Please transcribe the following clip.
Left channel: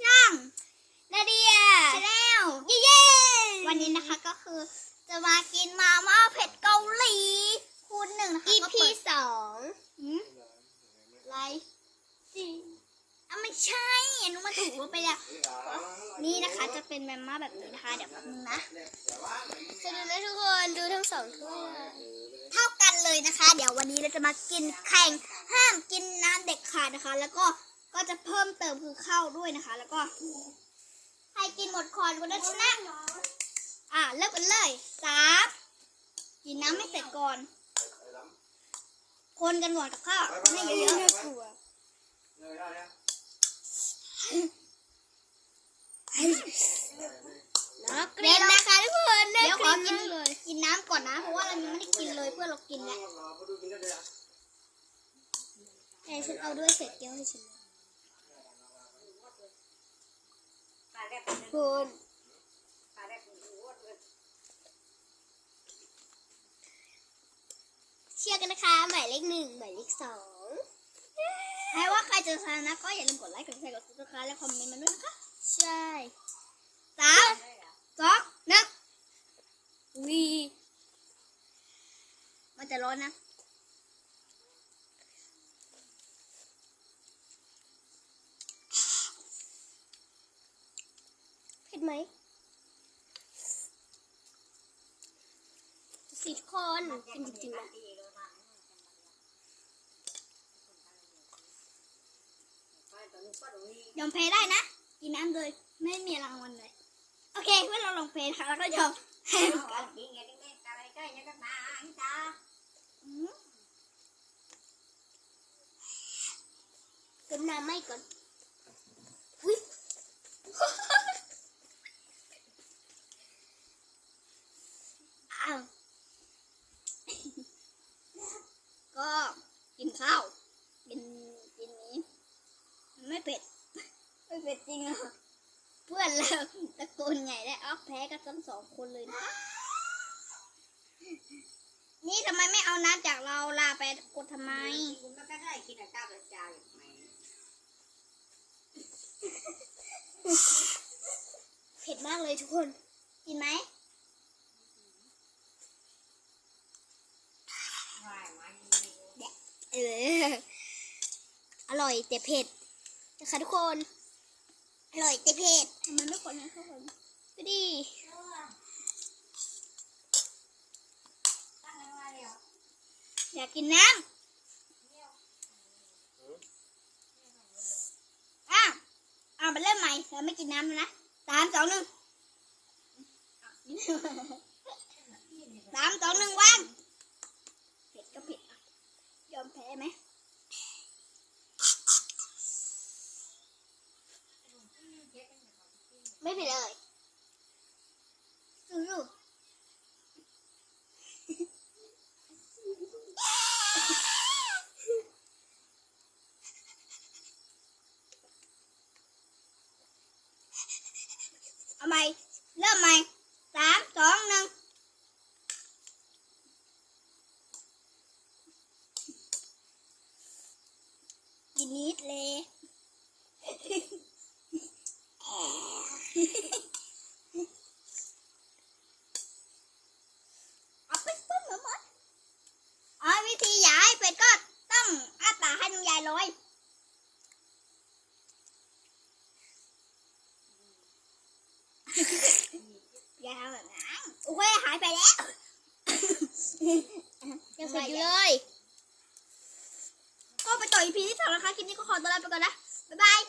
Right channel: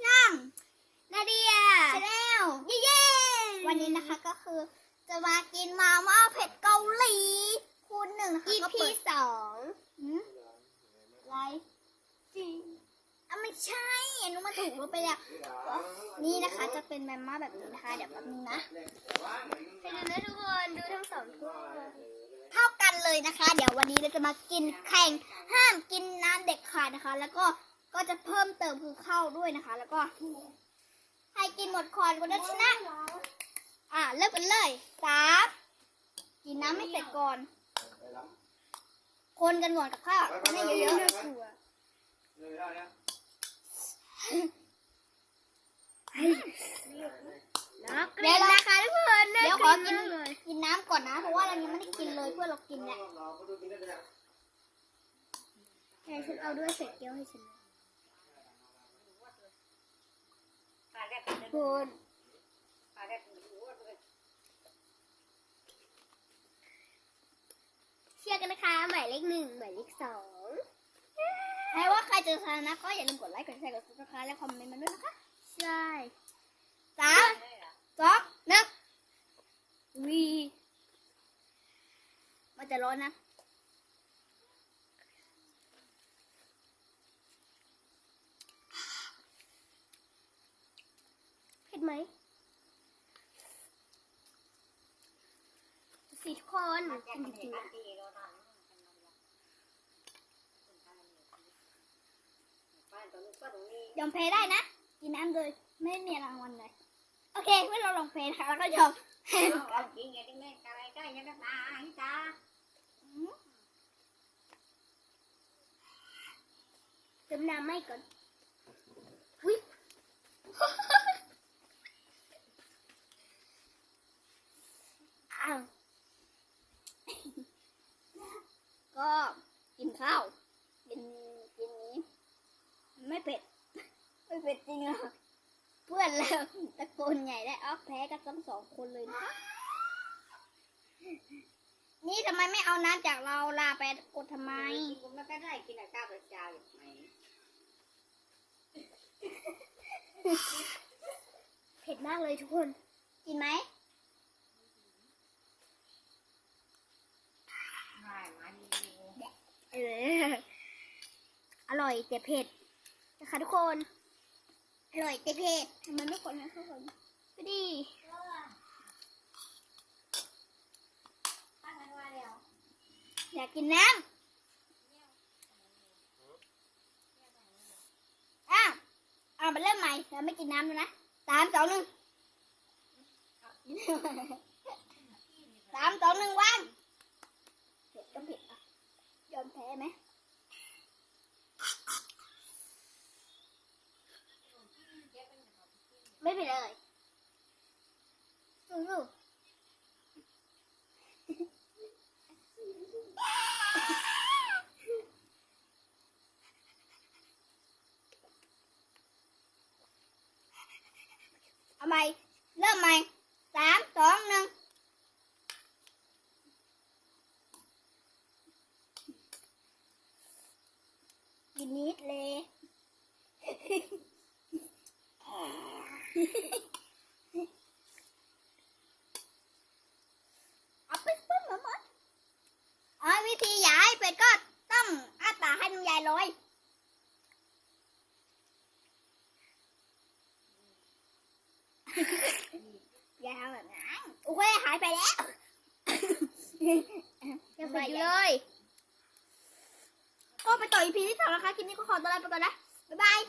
ช่างนาเดียชาแนลเย้เย้วันนี้นะคะก็คือจะมากินมาม่าเผ็ดเกาหลีคูณหนึ่งนะคะอีก็พีเปิดสองหืมอะไรสิอะไม่ใช่อันนู้นมันถูกลงไปแล้ว นี่นะคะจะเป็นมาม่าแบบนี้นะคะ เดี๋ยวแป๊บนึงนะจะดูนะทุกคนดูทั้งสองถ้วยเท่ากันเลยนะคะ เดี๋ยววันนี้เราจะมากินแข่งห้ามกินน้ำเด็กขาดนะคะ แล้วก็ ก็จะเพิ่มเติมคือข้าวด้วยนะคะ แล้วก็ใครกินหมดคอนคนนั้นชนะ อะเริ่มกันเลยสามกินน้ำไม่เสร็จก่อน คนกันก่อนกับข้าวคนให้เยอะน่ากลัวๆแล้วเดี๋ยวนะคะทุกคนเดี๋เดี๋ยยววขขออกิกินนเลยกินน้ำก่อนนะ เพราะว่าเรายังไม่ได้กินเลยเพื่อนเรากินแหละแต่ฉันเอาด้วยเศษเกี๊ยวให้ฉันคุณ เชียร์กันนะคะหมายเลขหนึ่งหมายเลขสองใครว่าใครจะชนะก็อย่าลืมกดไลค์กดแชร์กดซับสไครต์และคอมเมนต์มาด้วยนะคะ ใช่สามสองหนึ่งวีมันจะร้อนนะ เผ็ด ไหมสิทุกคนกินจริงๆนะยอมแพ้ได้นะกินน้ำโดยไม่มีรางวัลเลย โอเคเมื่อเราลองแพ้นะคะแล้วก็ยอมแพ้กันเติมน้ำไม่ก่อน อ้าว ก็กินข้าวกินกินนี้ ไม่เผ็ด ไม่เผ็ดจริงอะเพื่อนเราตะโกนใหญ่ได้เอาแพ้กันทั้งสองคนเลยนะคะนี่ทำไมไม่เอาน้ำจากเราลาไปกดทำไมเผ็ดมากเลยทุกคน กินไหม เออ อร่อยแต่เผ็ดนะคะทุกคน อร่อยแต่เผ็ดทำไมไม่คนให้เขากันก็ดีอยากกินน้ำอ้าวเอามาเริ่มใหม่เราไม่กินน้ำแล้วนะสามสองหนึ่งสามสองหนึ่งวางเผ็ดก็เผ็ด อะยอมแพ้ไหมไม่เผ็ดเลยสู้ๆเอาใหม่เริ่มใหม่สามสองหนึ่ง กินนิดเลยเอาไปปึ้งเหมือมันอ๋อวิธีอยากให้เป็ดก็ต้องอ้าปากให้น้ำยายลอยยาทำแบบนั้นโอ้ยหายไปแล้วยังเผ็ดอยู่เลย ก็ไปต่ออีพีที่สองนะคะ คลิปนี้ก็ขอตัวลาไปก่อนนะ บ๊ายบาย